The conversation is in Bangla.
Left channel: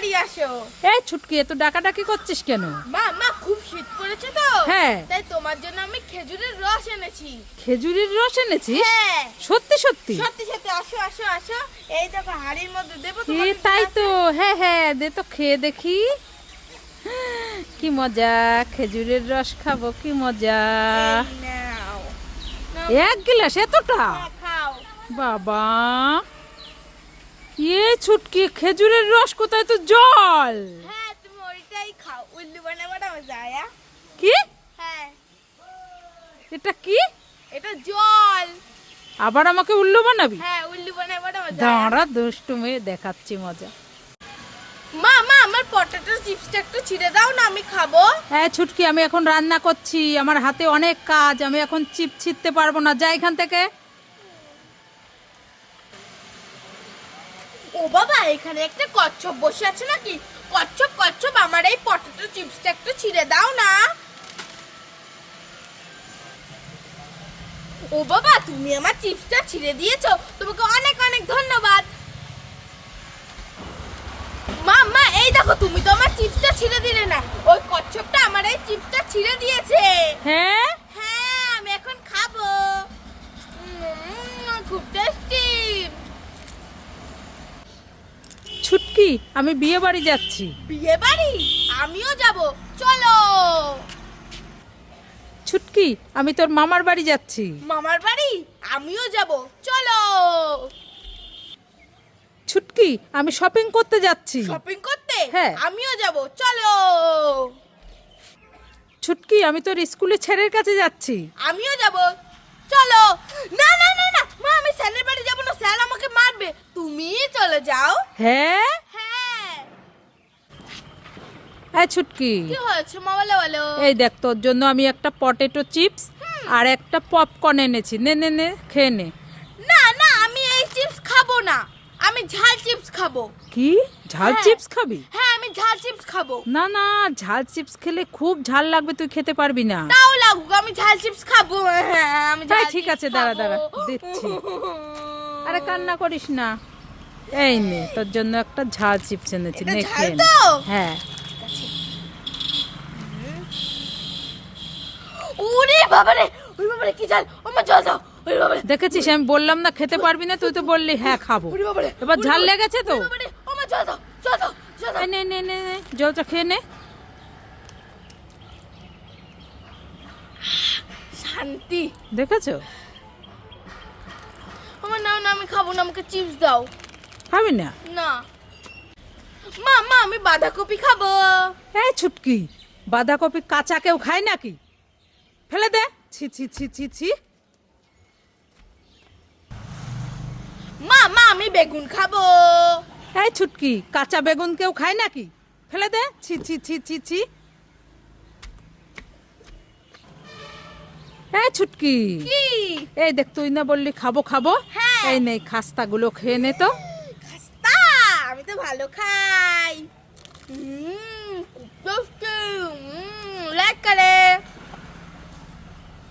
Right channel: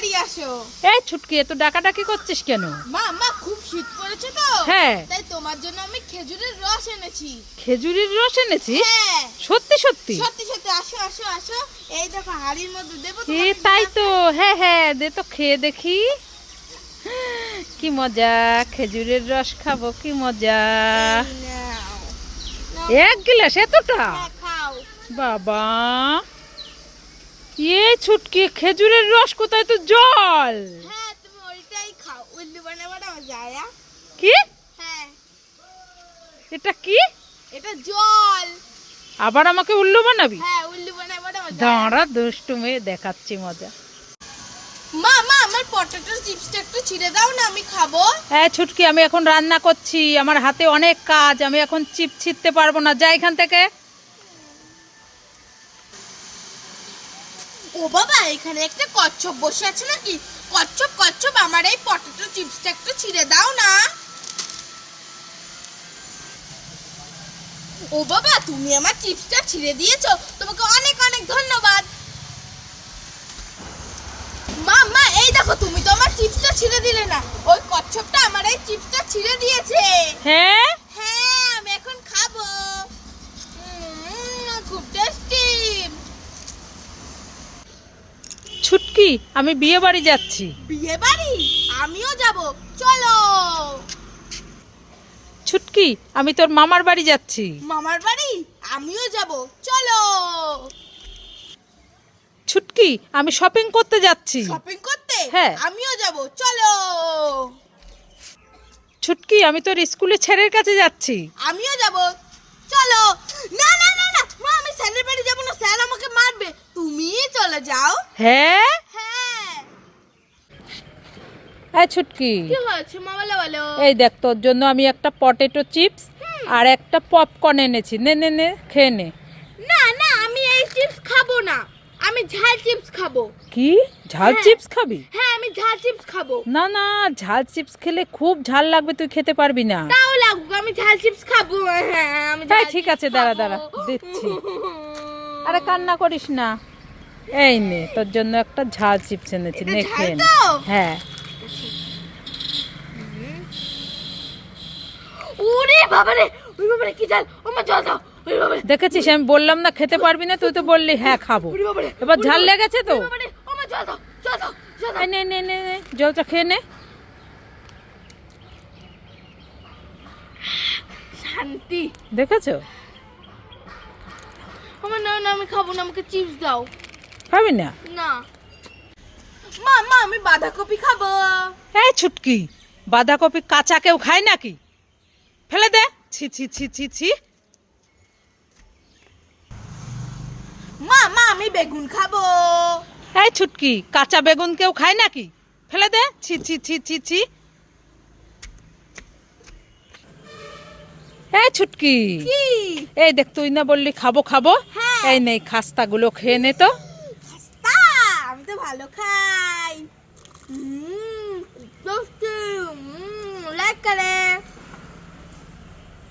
তাড়াতাড়ি আসো। এই ছুটকি, এত ডাকাডাকি করছিস কেন? মা মা খুব শীত পড়েছে তো, হ্যাঁ তাই তোমার জন্য আমি খেজুরের রস এনেছি। খেজুরের রস এনেছিস? হ্যাঁ সত্যি সত্যি? সত্যি সত্যি, আসো আসো আসো। এই দেখো হাড়ির মধ্যে দেবো এ তোমাকে তাই তো, গ্লাসে। হ্যাঁ হ্যাঁ, দে তো খেয়ে দেখি। কি মজা, খেজুরের রস খাবো, কি মজা। এই নাও। নাও, এক গ্লাস এতটা? হ্যাঁ, খাও। বাবা, এ ছুটকি, খেজুরের রস কোথায়, তো জল। হ্যাঁ তুমি ওইটাই খাও, উল্লু বানাবাটা মজা। কি? হ্যাঁ এটা কি? এটা জল। আবার আমাকে উল্লু বানাবি? হ্যাঁ উল্লু বানাবাটা মজা। দাঁড়া, দুষ্টু মেয়ে, দেখাচ্ছি মজা। মা মা আমার পটেটো চিপসটা একটু ছিঁড়ে দাও না, আমি খাবো। হ্যাঁ ছুটকি, আমি এখন রান্না করছি, আমার হাতে অনেক কাজ, আমি এখন চিপ ছিঁড়তে পারবো না, যা এখান থেকে। ও বাবা, এখানে একটা কচ্ছপ বসে আছে নাকি? কচ্ছপ কচ্ছপ, আমার এই পটেটো চিপসটা একটু ছিঁড়ে দাও না। ও বাবা, তুমি আমার চিপসটা ছিঁড়ে দিয়েছো, তোমাকে অনেক অনেক ধন্যবাদ। মা মা এই দেখো, তুমি তো আমার চিপসটা ছিঁড়ে দিলে না, ওই কচ্ছপটা আমার এই চিপসটা ছিঁড়ে দিয়েছে। হ্যাঁ হ্যাঁ আমি এখন খাবো। খুব টেস্টি। ছুটকি, আমি বিয়ে বাড়ি যাচ্ছি। বিয়ে বাড়ি? আমিও যাব, চলো। ছুটকি, আমি তোর মামার বাড়ি যাচ্ছি। মামার বাড়ি? আমিও যাব, চলো। ছুটকি, আমি শপিং করতে যাচ্ছি। শপিং করতে? হ্যাঁ। আমিও যাব, চলো। ছুটকি, আমি তোর স্কুলে ছেলের কাছে যাচ্ছি। আমিও যাব, চলো। না না না না মা, আমি স্যারের বাড়ি যাব না, স্যার আমাকে মারবে, তুমি চলে যাও। হ্যাঁ হ্যাঁ। হ্যাঁ ছুটকি, কি হয়েছে মা, বলো বলো। এই দেখ, তোর জন্য আমি একটা পটেটো চিপস আর একটা পপকর্ন এনেছি, নে নে নে, খেয়ে নে। না না, আমি এই চিপস খাবো না, আমি ঝাল চিপস খাবো। কি, ঝাল হ্যাঁ। চিপস খাবি? হ্যাঁ আমি ঝাল চিপস খাবো। না না, ঝাল চিপস খেলে খুব ঝাল লাগবে, তুই খেতে পারবি না। তাও লাগুক, আমি ঝাল চিপস খাবো। হ্যাঁ আমি তাই ঝাল ঠিক চিপস আছে, দাঁড়া খাবো। দাঁড়া, দিচ্ছি। আরে কান্না করিস না, এই নে, তোর জন্য একটা ঝাল চিপস এনেছি, এটা নে ঝাল খেয়ে নে। তো? হ্যাঁ। ওরে বাবারে, ওরে বাবারে কি ঝাল, আমার জল দাও। ওরে বাবারে, দেখেছিস, আমি বললাম না খেতে পারবি না, তুই তো বললি হ্যাঁ খাবো। ওরে বাবারে, এবার ওরে ঝাল বাবারে, লেগেছে তো। ওরে বাবারে, আমার জল দাও, জল দাও, জল দাও। এই নে নে নে নে, জলটা খেয়ে নে। শান্তি। দেখেছো? আমার না না, আমি খাবো না, আমাকে চিপস দাও। খাবি না? না। মা মা, আমি বাঁধাকপি খাবো। এই ছুটকি, বাঁধাকপি কাঁচা কেউ খায় নাকি? ফেলে দে, ছি ছি ছি ছি ছি। মা মা, আমি বেগুন খাবো। এই ছুটকি, কাঁচা বেগুন কেউ খায় নাকি? ফেলে দে, ছি ছি ছি ছি ছি। এই ছুটকি, কি? এই দেখ, তুই না বললি খাবো খাবো, হ্যাঁ। এই নেই খাস্তাগুলো খেয়ে নে তো। খাস্তা? আমি তো ভালো খাই। খুব টেস্টি। লাইক করে।